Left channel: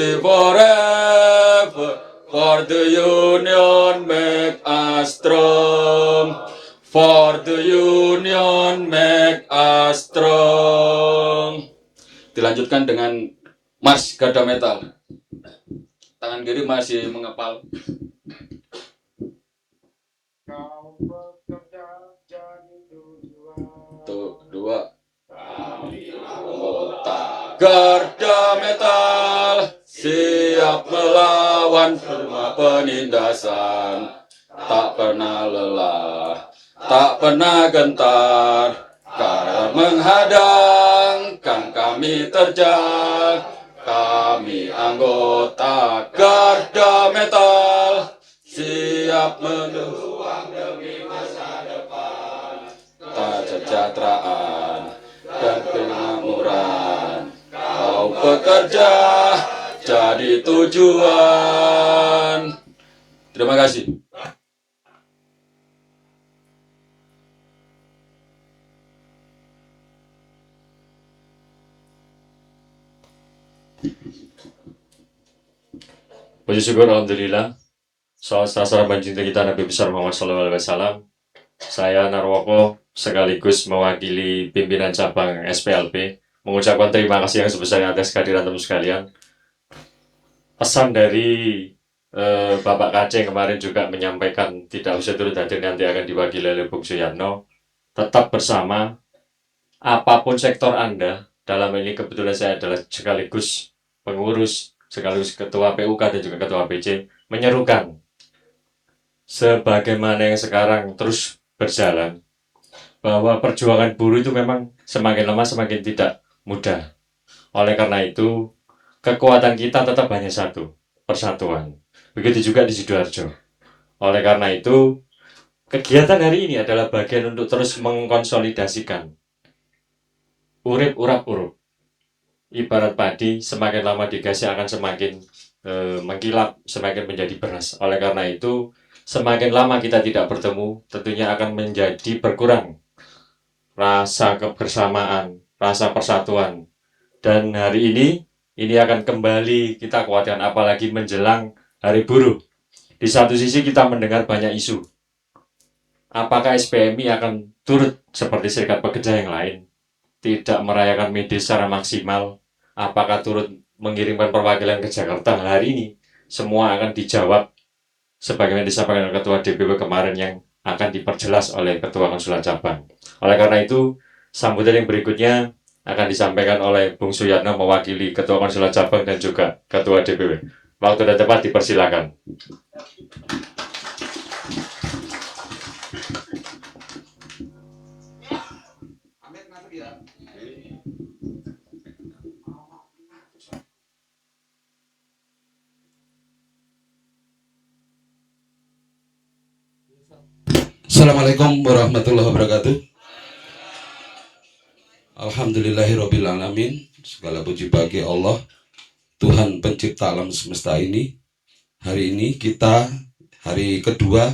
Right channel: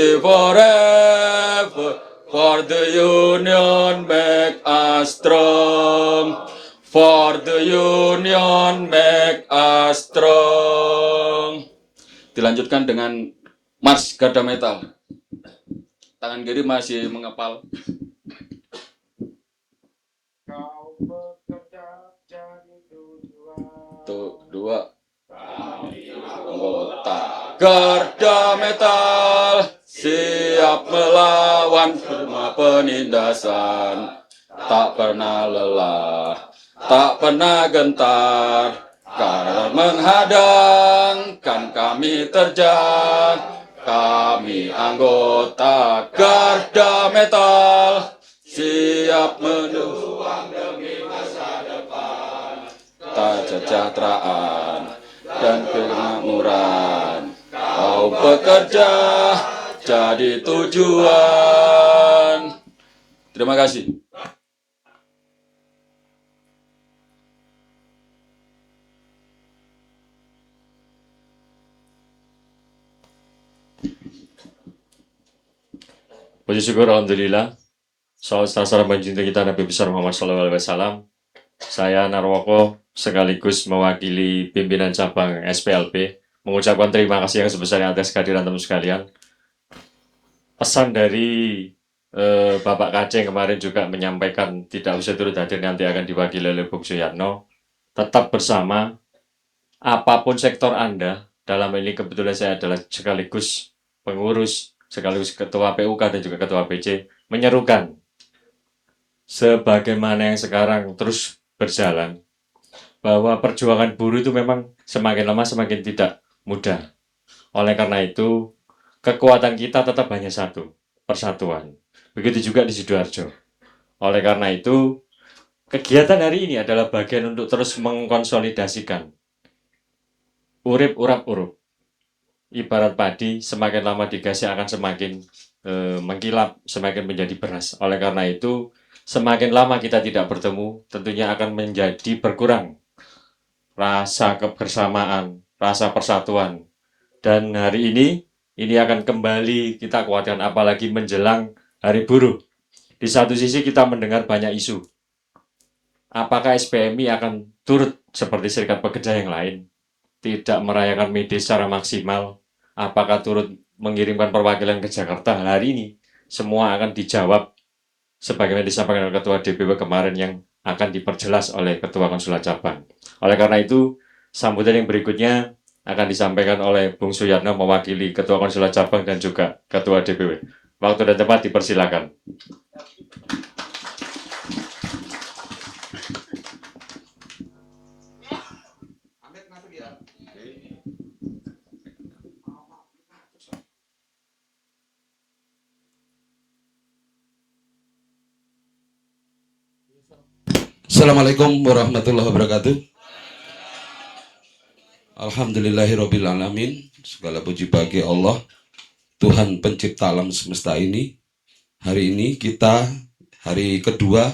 unity forever. For the union make us strong. For the union make us strong. Dilanjutkan dengan Mars Garda Metal. Tangan kiri masih mengepal. Satu, dua. Anggota Garda Metal siap melawan semua penindasan, tak pernah lelah, tak pernah gentar, karena menghadangkan kami terjang. Kami anggota Garda Metal siap menjuang demi masa depan, kesejahteraan dan kemakmuran. Kau bekerja jadi tujuan. Terima kasih. Puji syukur Alhamdulillah. Salam salam cinta kita Nabi besar Muhammad SAW. Saya Narwoko sekaligus mewakili pimpinan cabang SPLP mengucapkan terima kasih yang sebesarnya atas kehadiran teman sekalian. Pesan dari Bapak Kaceng kemarin juga menyampaikan tidak usah turut hadir, nanti akan diwakili oleh Bung Suyatno. Tetap bersama, apapun sektor Anda, dalam ini kebetulan saya adalah sekaligus pengurus, sekaligus ketua PUK dan juga ketua PC, menyerukan sebagaimana yang sekarang terus berjalan, bahwa perjuangan buruh itu memang semakin lama semakin tidak mudah. Oleh karena itu, kekuatan kita tetap hanya satu, persatuan. Begitu juga di Sidoarjo. Oleh karena itu, kegiatan hari ini adalah bagian untuk terus mengkonsolidasikan urip urap urup. Ibarat padi, semakin lama digasih akan semakin mengkilap, semakin menjadi beras. Oleh karena itu, semakin lama kita tidak bertemu, tentunya akan menjadi berkurang rasa kebersamaan, rasa persatuan. Dan hari ini akan kembali kita kuatkan, apalagi menjelang Hari Buruh. Di satu sisi kita mendengar banyak isu. Apakah SPMI akan turut seperti serikat pekerja yang lain, tidak merayakan May Day secara maksimal? Apakah turut mengirimkan perwakilan ke Jakarta? Hari ini semua akan dijawab sebagaimana disampaikan oleh Ketua DPW kemarin yang akan diperjelas oleh Ketua Konsulat Cabang. Oleh karena itu, sambutan yang berikutnya akan disampaikan oleh Bung Suyatno mewakili Ketua Konsulat Cabang dan juga Ketua DPW. Waktu dan tempat dipersilakan. Assalamualaikum warahmatullahi wabarakatuh. Alhamdulillahirrabbilalamin. Segala puji bagi Allah, Tuhan pencipta alam semesta ini. Hari ini kita hari kedua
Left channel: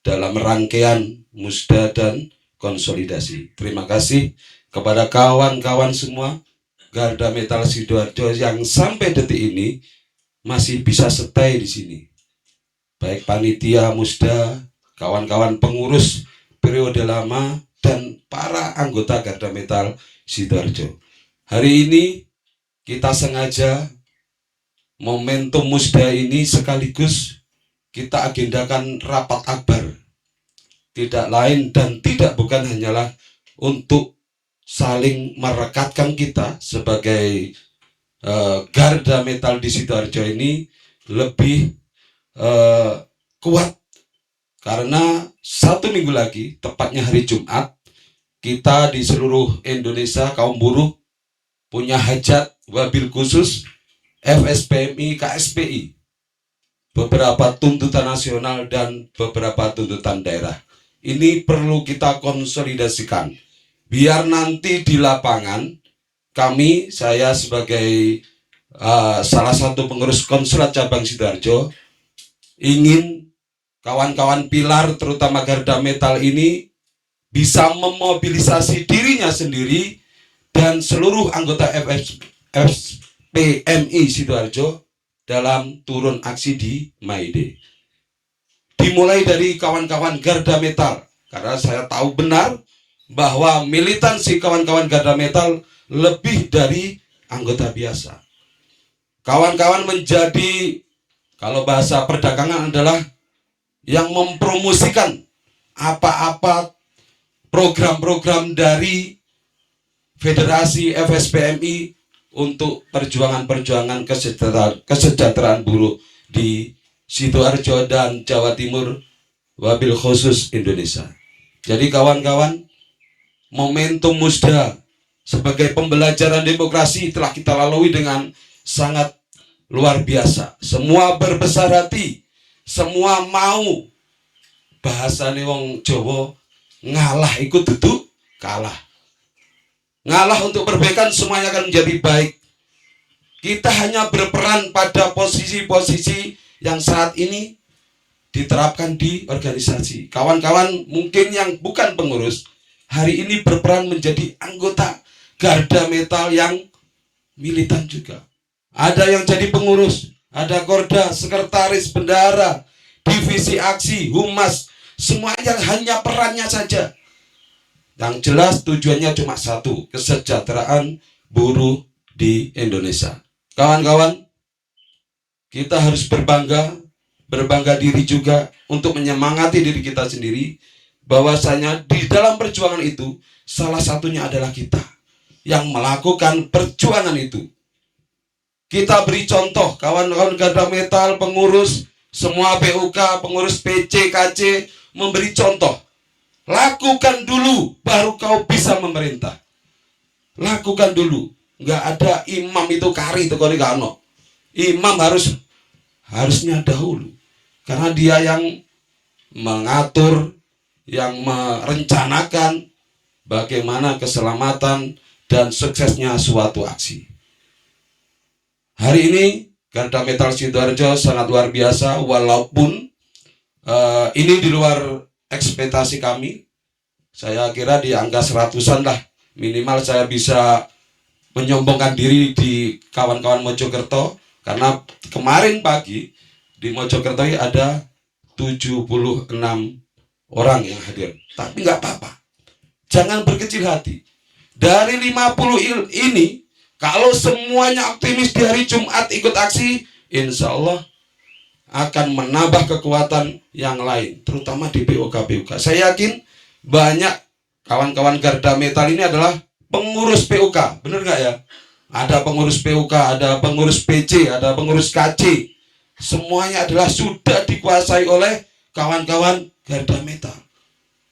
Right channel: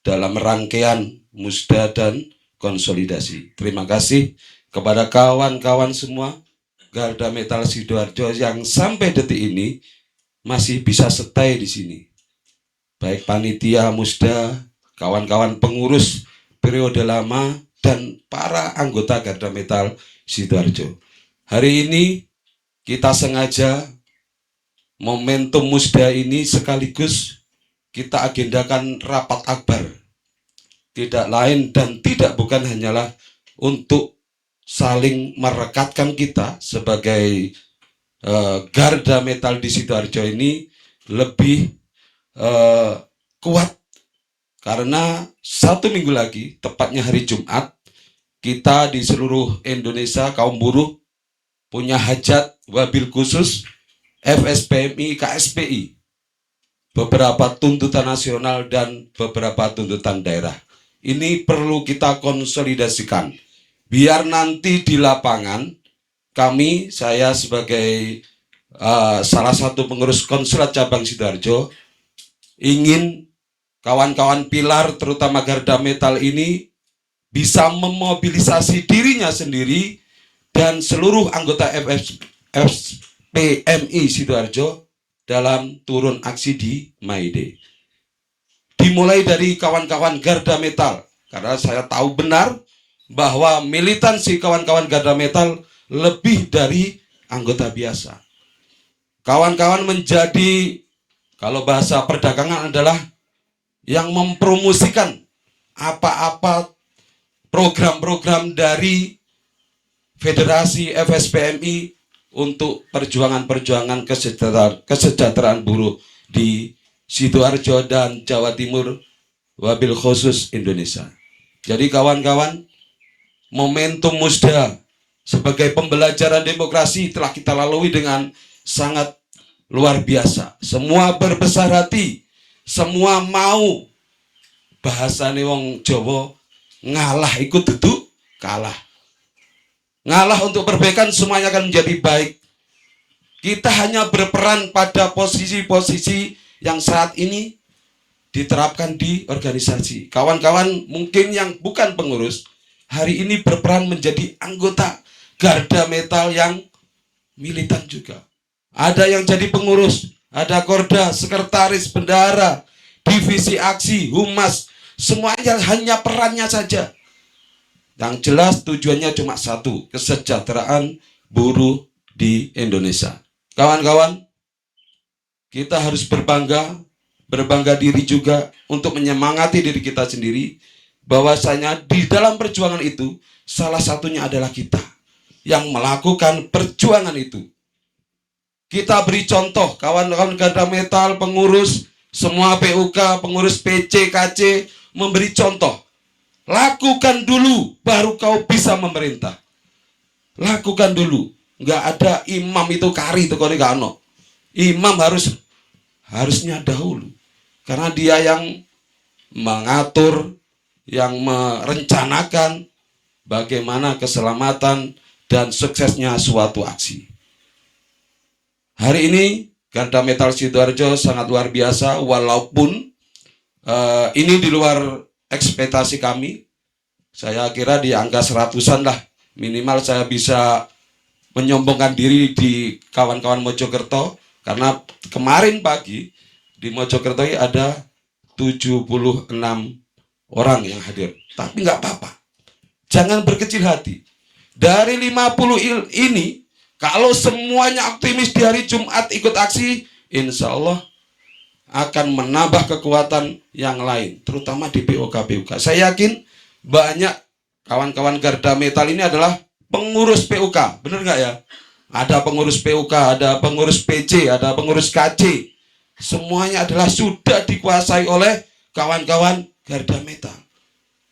dalam rangkaian musda dan konsolidasi. Terima kasih kepada kawan-kawan semua Garda Metal Sidoarjo yang sampai detik ini masih bisa stay di sini. Baik panitia musda, kawan-kawan pengurus periode lama, dan para anggota Garda Metal Sidoarjo. Hari ini kita sengaja momentum musda ini sekaligus kita agendakan rapat akbar. Tidak lain dan tidak bukan hanyalah untuk saling merekatkan kita sebagai Garda Metal di Sidoarjo ini lebih kuat. Karena 1 minggu lagi, tepatnya hari Jumat, kita di seluruh Indonesia kaum buruh punya hajat wabil khusus FSPMI KSPI, beberapa tuntutan nasional dan beberapa tuntutan daerah. Ini perlu kita konsolidasikan biar nanti di lapangan kami, saya sebagai salah satu pengurus Konsulat Cabang Sidoarjo, ingin kawan-kawan pilar terutama Garda Metal ini bisa memobilisasi dirinya sendiri dan seluruh anggota FSPMI Sidoarjo dalam turun aksi di May Day. Dimulai dari kawan-kawan Garda Metal, karena saya tahu benar bahwa militansi kawan-kawan Garda Metal lebih dari anggota biasa. Kawan-kawan menjadi, kalau bahasa perdagangan adalah yang mempromosikan apa-apa program-program dari Federasi FSPMI untuk perjuangan-perjuangan kesejahteraan buruh di Sidoarjo dan Jawa Timur, wabil khusus Indonesia. Jadi kawan-kawan, momentum Musda sebagai pembelajaran demokrasi telah kita lalui dengan sangat luar biasa. Semua berbesar hati, semua mau, bahasane wong Jawa, ngalah ikut duduk kalah. Ngalah untuk perbaikan, semuanya akan menjadi baik. Kita hanya berperan pada posisi-posisi yang saat ini diterapkan di organisasi. Kawan-kawan mungkin yang bukan pengurus, hari ini berperan menjadi anggota Garda Metal yang militan juga. Ada yang jadi pengurus, ada Korda, sekretaris, bendahara, divisi aksi, humas, semuanya hanya perannya saja. Yang jelas tujuannya cuma satu, kesejahteraan buruh di Indonesia. Kawan-kawan, kita harus berbangga diri juga untuk menyemangati diri kita sendiri, bahwasanya di dalam perjuangan itu salah satunya adalah kita yang melakukan perjuangan itu. Kita beri contoh, kawan-kawan Garda Metal, pengurus, semua PUK, pengurus PC, KC, memberi contoh. Lakukan dulu, baru kau bisa memerintah. Lakukan dulu. Nggak ada imam itu kari itu kalau nggak ono. Imam harusnya dahulu. Karena dia yang mengatur, yang merencanakan bagaimana keselamatan dan suksesnya suatu aksi. Hari ini Garda Metal Sidoarjo sangat luar biasa, walaupun ini di luar ekspektasi kami. Saya kira di angka 100-an lah minimal saya bisa menyombongkan diri di kawan-kawan Mojokerto, karena kemarin pagi di Mojokerto ada 76 orang yang hadir. Tapi nggak apa-apa, jangan berkecil hati. Dari 50 ini, kalau semuanya optimis di hari Jumat ikut aksi, insya Allah akan menambah kekuatan yang lain, terutama di PUK-PUK. Saya yakin banyak kawan-kawan Garda Metal ini adalah pengurus PUK, benar nggak ya? Ada pengurus PUK, ada pengurus PC, ada pengurus KC. Semuanya adalah sudah dikuasai oleh kawan-kawan Garda Metal.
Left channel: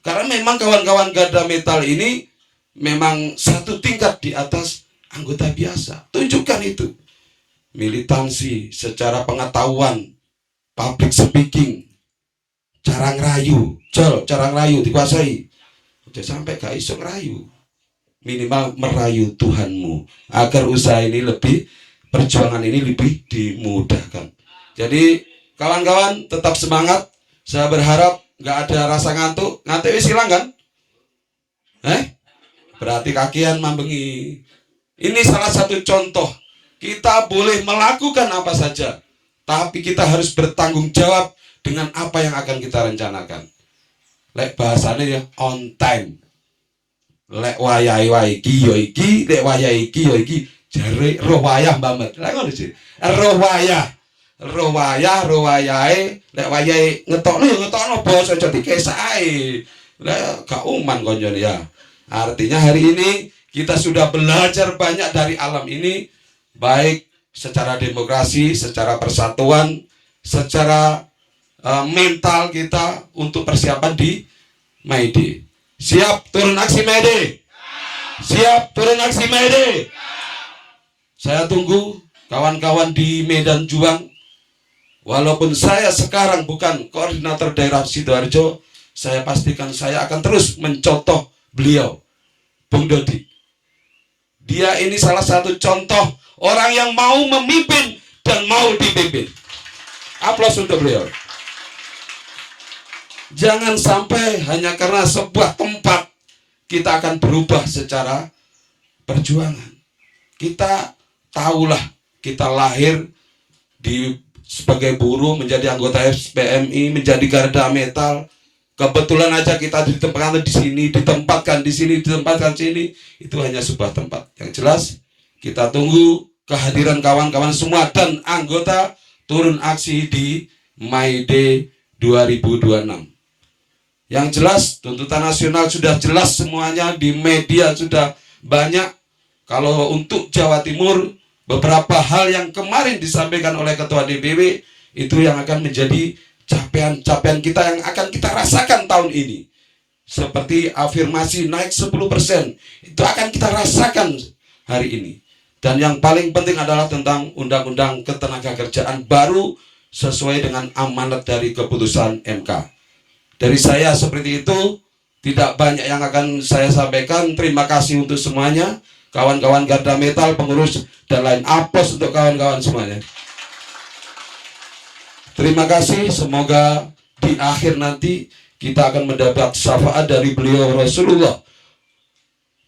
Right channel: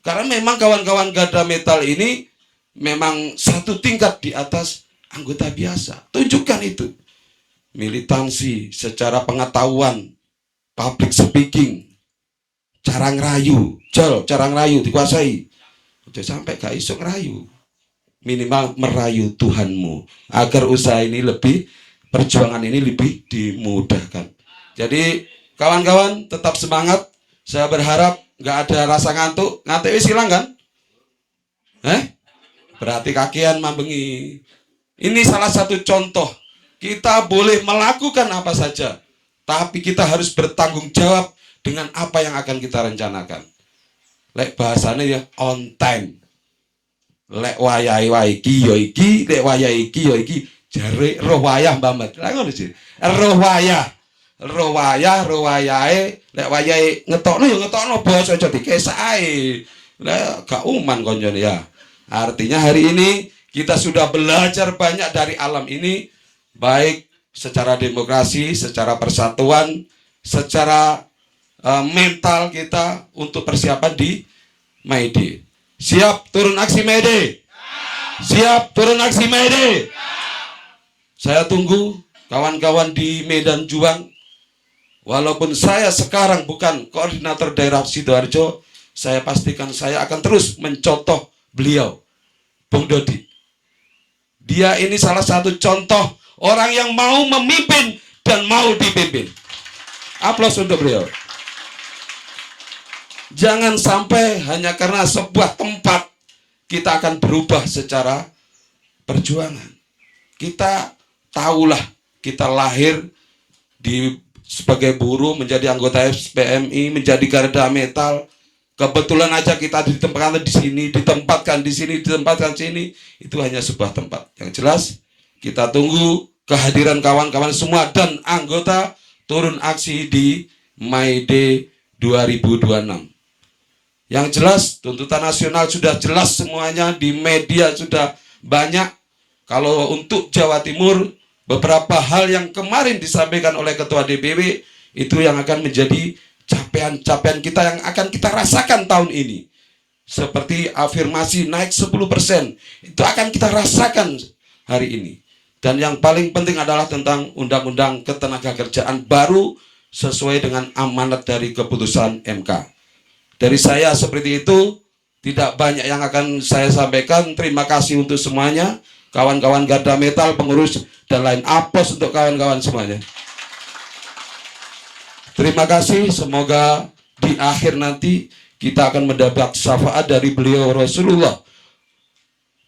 Karena memang kawan-kawan Garda Metal ini memang satu tingkat di atas anggota biasa. Tunjukkan itu. Militansi secara pengetahuan, public speaking, cara ngerayu, cara ngerayu dikuasai. Udah sampai gak iso ngerayu, minimal merayu Tuhanmu agar usaha ini lebih, perjuangan ini lebih dimudahkan. Jadi kawan-kawan tetap semangat. Saya berharap gak ada rasa ngantuk. Ngantuk wis hilang kan? Berarti kakian mambengi. Ini salah satu contoh. Kita boleh melakukan apa saja, tapi kita harus bertanggung jawab dengan apa yang akan kita rencanakan. Lek bahasanya ya on time. Lek wayai iki yo iki, lek wayai iki yo iki. Jare roh wayah Mbak. Lah ngono sih. Roh wayahe, lek wayahe ngetokno ya ngetokno basa aja dikesae. Lah gak uman konjone ya. Artinya hari ini kita sudah belajar banyak dari alam ini, baik secara demokrasi, secara persatuan, secara mental kita untuk persiapan di May Day. Siap turun aksi May Day? Siap turun aksi May Day? Saya tunggu kawan-kawan di Medan Juang. Walaupun saya sekarang bukan koordinator daerah Sidoarjo, saya pastikan saya akan terus mencontoh beliau, Bung Dodi. Dia ini salah satu contoh orang yang mau memimpin dan mau dipimpin. Aplaus untuk beliau. Jangan sampai hanya karena sebuah tempat kita akan berubah secara perjuangan. Kita tahulah kita lahir sebagai buruh, menjadi anggota FPMI, menjadi garda metal. Kebetulan aja kita ditempatkan di sini, ditempatkan di sini, ditempatkan di sini. Itu hanya sebuah tempat. Yang jelas, kita tunggu kehadiran kawan-kawan semua dan anggota turun aksi di May Day 2026. Yang jelas, tuntutan nasional sudah jelas semuanya, di media sudah banyak. Kalau untuk Jawa Timur, beberapa hal yang kemarin disampaikan oleh Ketua DPW, itu yang akan menjadi capaian-capaian kita yang akan kita rasakan tahun ini. Seperti afirmasi naik 10%, itu akan kita rasakan hari ini. Dan yang paling penting adalah tentang Undang-Undang Ketenagakerjaan baru sesuai dengan amanat dari keputusan MK. Dari saya seperti itu, tidak banyak yang akan saya sampaikan. Terima kasih untuk semuanya, kawan-kawan garda metal, pengurus, dan lain. Aplos untuk kawan-kawan semuanya. Terima kasih, semoga di akhir nanti kita akan mendapat syafaat dari beliau Rasulullah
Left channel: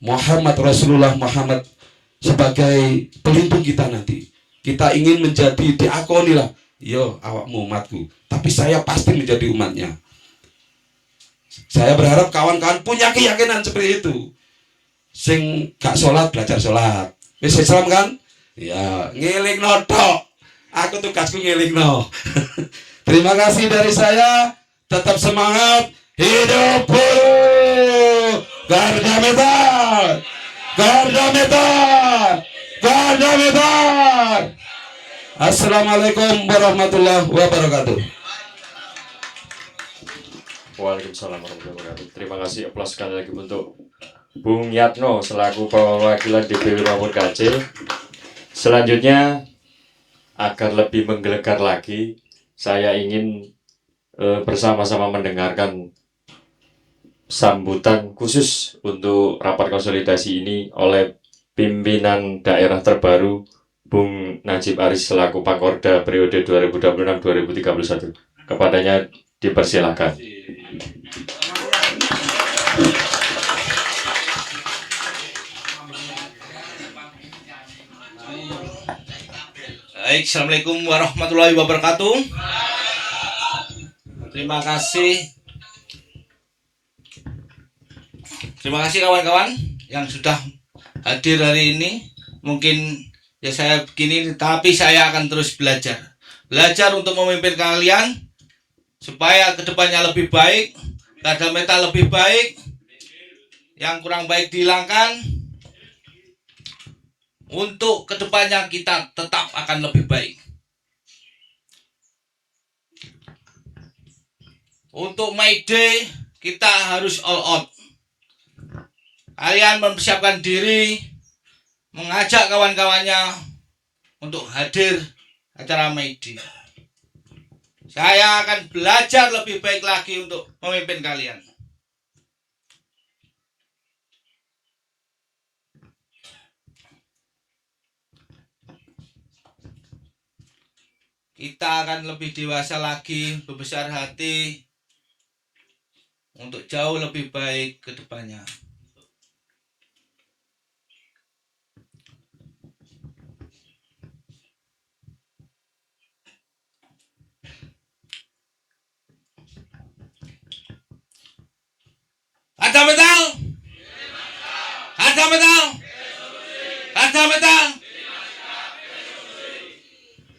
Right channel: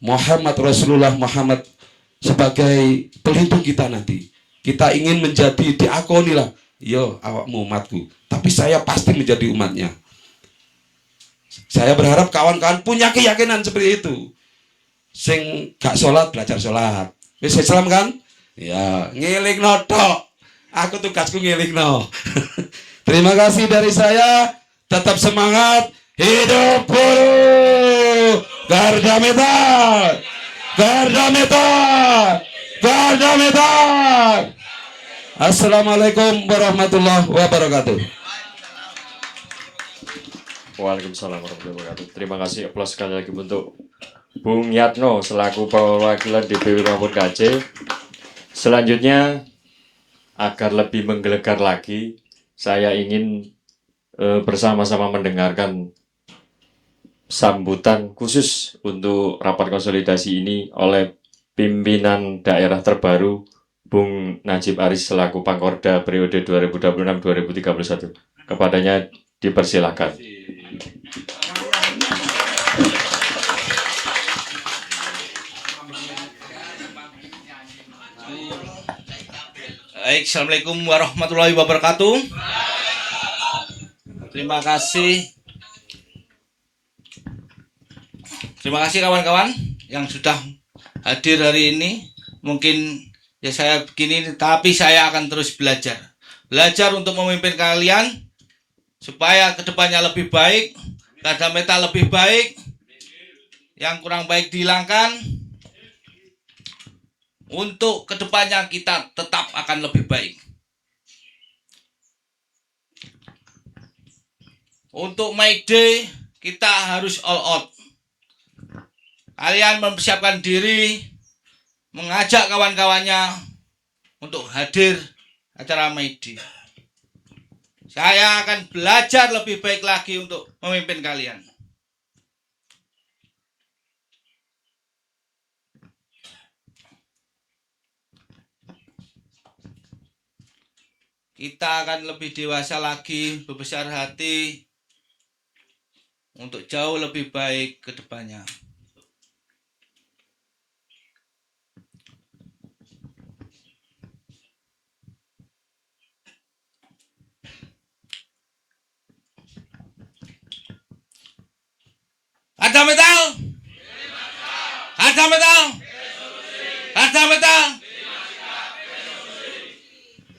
Muhammad sebagai pelindung kita nanti. Kita ingin menjadi diakoni lah, yo awakmu umatku, tapi saya pasti menjadi umatnya. Saya berharap kawan-kawan punya keyakinan seperti itu. Sing gak sholat, belajar sholat. Wis Islam kan? Ya, ngiling notok. Aku tugasku ngiling no. Terima kasih dari saya. Tetap semangat. Hidup buruh. Garda metal. Garda metal. Garda metal. Assalamualaikum warahmatullahi wabarakatuh. Waalaikumsalam warahmatullahi wabarakatuh. Terima kasih, aplaus sekali lagi untuk Bung Yatno selaku perwakilan DPW nomor KC. Selanjutnya, agar lebih menggelegar lagi, saya ingin bersama-sama mendengarkan sambutan khusus untuk rapat konsolidasi ini oleh pimpinan daerah terbaru Bung Najib Aris selaku Pangkorda periode 2026-2031. Kepadanya dipersilakan. Baik, Assalamualaikum warahmatullahi wabarakatuh. Terima kasih kawan-kawan yang sudah hadir hari ini. Mungkin ya saya begini, tapi saya akan terus belajar untuk memimpin kalian supaya kedepannya lebih baik, garda metal lebih baik, yang kurang baik dihilangkan. Untuk kedepannya kita tetap akan lebih baik. Untuk May Day kita harus all out. Kalian mempersiapkan diri, mengajak kawan-kawannya untuk hadir acara May Day. Saya akan belajar lebih baik lagi untuk memimpin kalian. Kita akan lebih dewasa lagi, berbesar hati untuk jauh lebih baik ke depannya. Garda metal! Garda metal! Garda metal!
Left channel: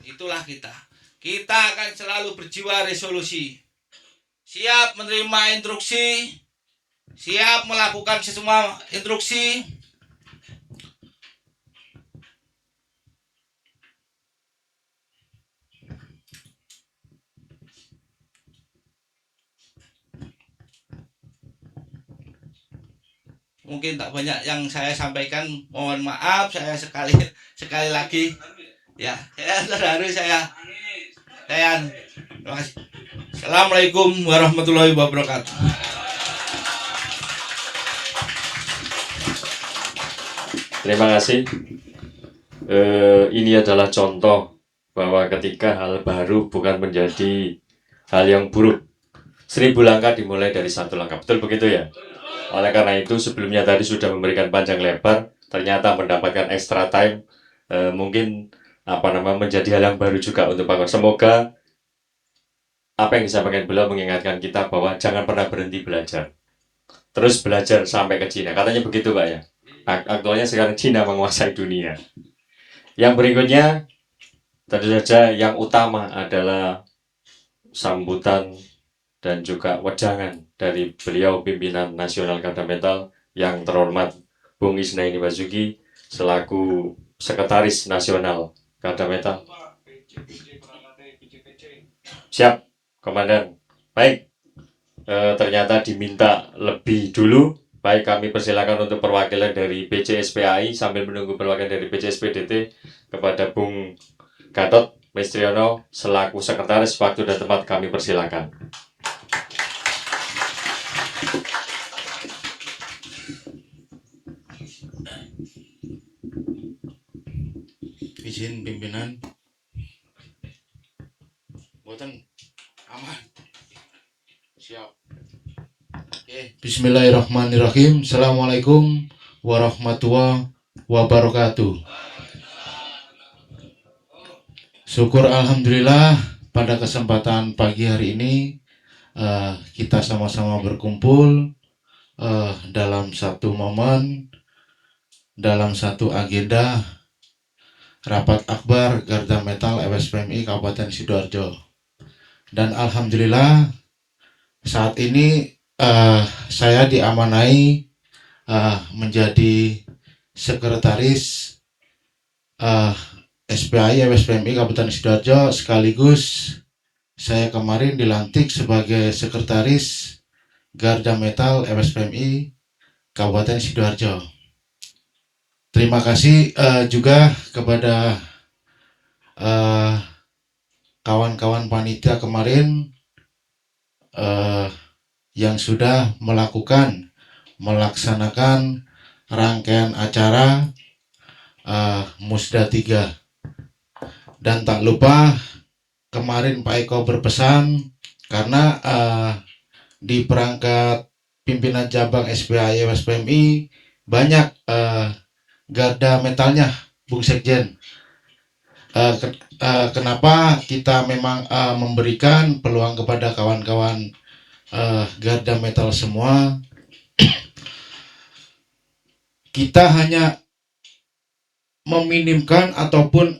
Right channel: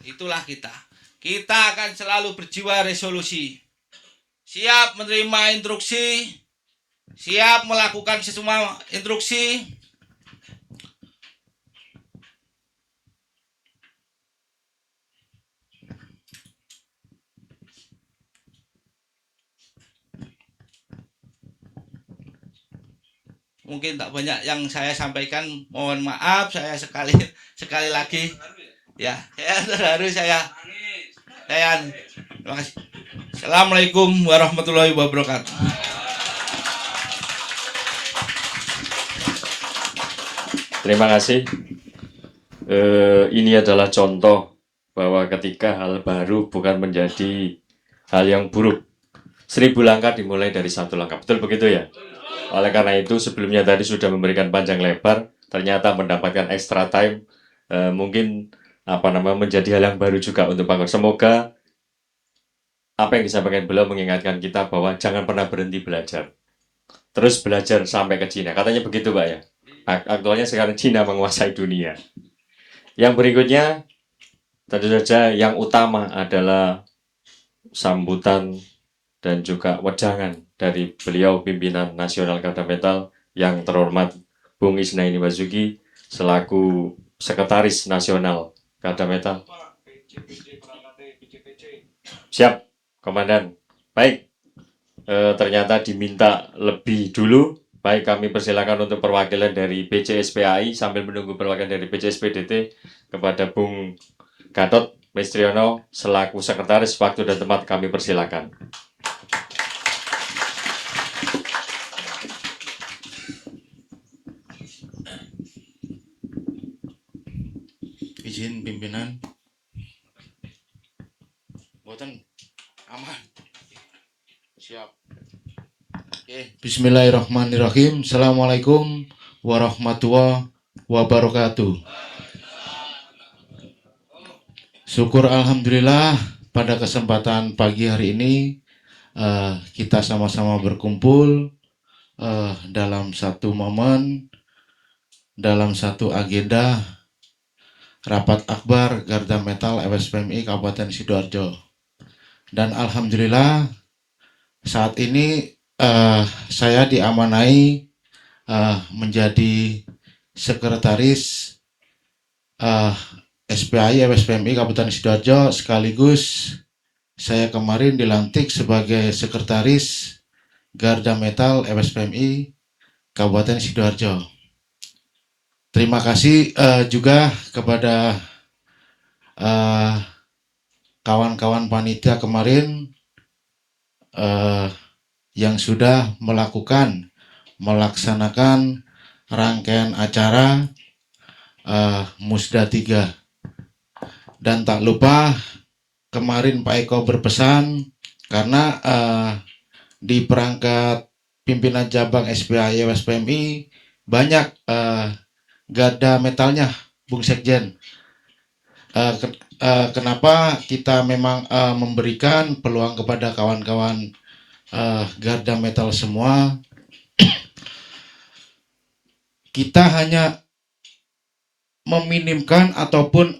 Itulah kita. Kita akan selalu berjiwa resolusi. Siap menerima instruksi, siap melakukan semua instruksi. Mungkin tak banyak yang saya sampaikan, mohon maaf, saya sekali lagi ya terharu saya. Terima kasih. Assalamualaikum warahmatullahi wabarakatuh. Terima kasih. Ini adalah contoh bahwa ketika hal baru bukan menjadi hal yang buruk. 1000 langkah dimulai dari 1 langkah. Betul begitu ya? Oleh karena itu sebelumnya tadi sudah memberikan panjang lebar, ternyata mendapatkan extra time. Mungkin menjadi hal yang baru juga untuk Pak Gor. Semoga apa yang disampaikan beliau mengingatkan kita bahwa jangan pernah berhenti belajar. Terus belajar sampai ke Cina. Katanya begitu Pak ya. Aktualnya sekarang Cina menguasai dunia. Yang berikutnya tentu saja yang utama adalah sambutan dan juga wejangan dari beliau pimpinan nasional Garda Metal yang terhormat Bung Isnaini Basuki selaku Sekretaris Nasional Garda Metal. Siap, Komandan. Baik, ternyata diminta lebih dulu. Baik, kami persilakan untuk perwakilan dari BCSPAI sambil menunggu perwakilan dari BCSPDT kepada Bung Gatot Mistriono selaku Sekretaris. Waktu dan tempat kami persilakan. Izin pimpinan. Boten aman. Siap. Bismillahirrahmanirrahim. Assalamualaikum warahmatullahi wabarakatuh. Syukur alhamdulillah pada kesempatan pagi hari ini kita sama-sama berkumpul dalam satu momen, dalam satu agenda rapat akbar Garda Metal FSPMI Kabupaten Sidoarjo. Dan alhamdulillah saat ini saya diamanai menjadi sekretaris SPAI FSPMI Kabupaten Sidoarjo, sekaligus saya kemarin dilantik sebagai sekretaris Garda Metal FSPMI Kabupaten Sidoarjo. Terima kasih juga kepada kawan-kawan panitia kemarin yang sudah melaksanakan rangkaian acara Musda 3. Dan tak lupa kemarin Pak Eko berpesan karena di perangkat pimpinan cabang SPAI FSPMI banyak Garda Metalnya, Bung Sekjen. Kenapa kita memang memberikan peluang kepada kawan-kawan Garda Metal semua? Kita hanya meminimkan ataupun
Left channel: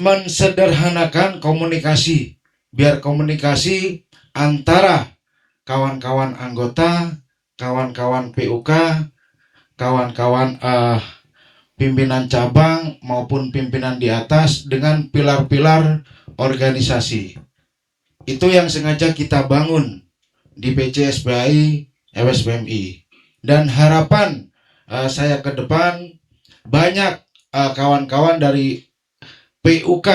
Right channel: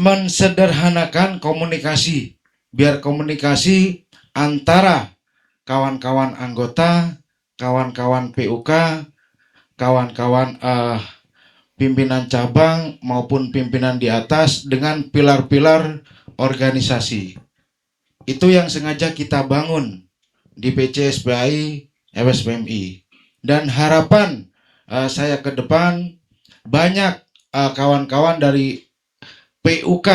mensederhanakan komunikasi, biar komunikasi antara kawan-kawan anggota, kawan-kawan PUK, kawan-kawan pimpinan cabang maupun pimpinan di atas dengan pilar-pilar organisasi. Itu yang sengaja kita bangun di PCSPAI FSPMI. Dan harapan saya ke depan banyak kawan-kawan dari PUK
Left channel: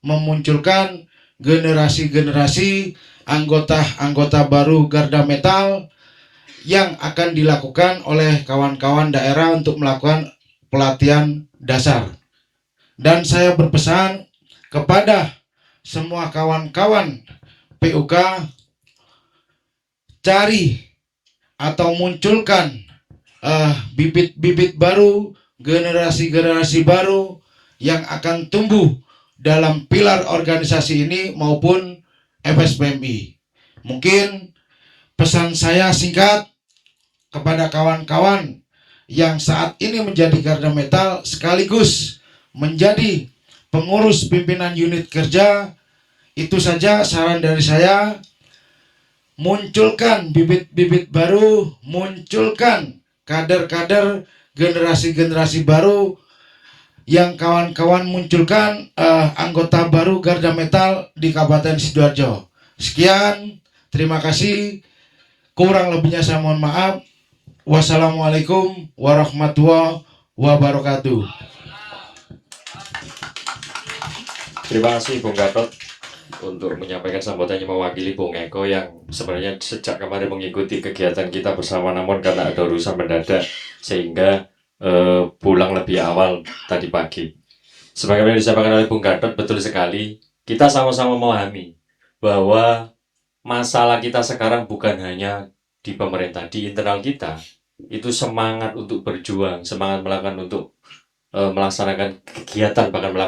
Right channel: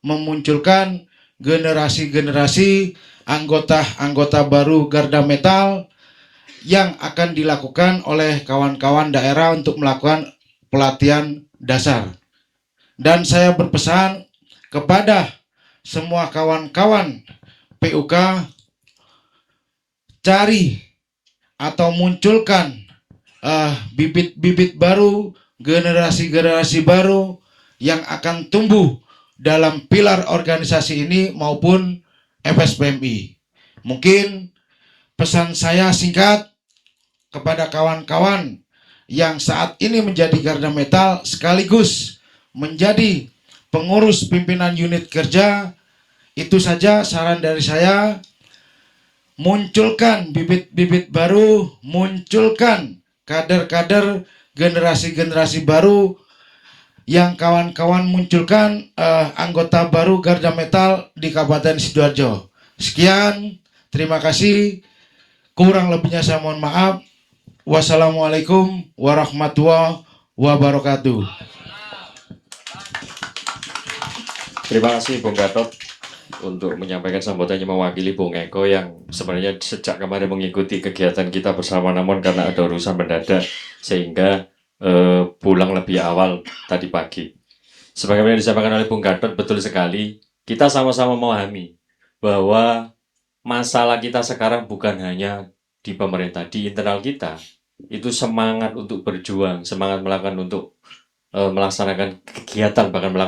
memunculkan generasi-generasi anggota-anggota baru Garda Metal yang akan dilakukan oleh kawan-kawan daerah untuk melakukan pelatihan dasar. Dan saya berpesan kepada semua kawan-kawan PUK, cari atau munculkan bibit-bibit baru, generasi-generasi baru yang akan tumbuh dalam pilar organisasi ini maupun FSPMI. Mungkin pesan saya singkat kepada kawan-kawan yang saat ini menjadi Garda Metal sekaligus menjadi pengurus pimpinan unit kerja, itu saja saran dari saya. Munculkan bibit-bibit baru, munculkan kader-kader generasi-generasi baru yang kawan-kawan munculkan anggota baru Garda Metal di Kabupaten Sidoarjo. Sekian, terima kasih. Kurang lebihnya saya mohon maaf. Wassalamualaikum warahmatullahi wabarakatuh. Terima kasih Bung Gatot untuk menyampaikan sambutannya mewakili Bung Eko yang sebenarnya sejak kemarin mengikuti kegiatan kita bersama, namun karena ada urusan mendadak sehingga pulang lebih awal tadi pagi. Sebagaimana disampaikan oleh Bung Gatot, betul sekali, kita sama-sama memahami bahwa masalah kita sekarang bukan hanya di pemerintah, di internal kita itu semangat untuk berjuang, semangat melakukan untuk melaksanakan kegiatan bahkan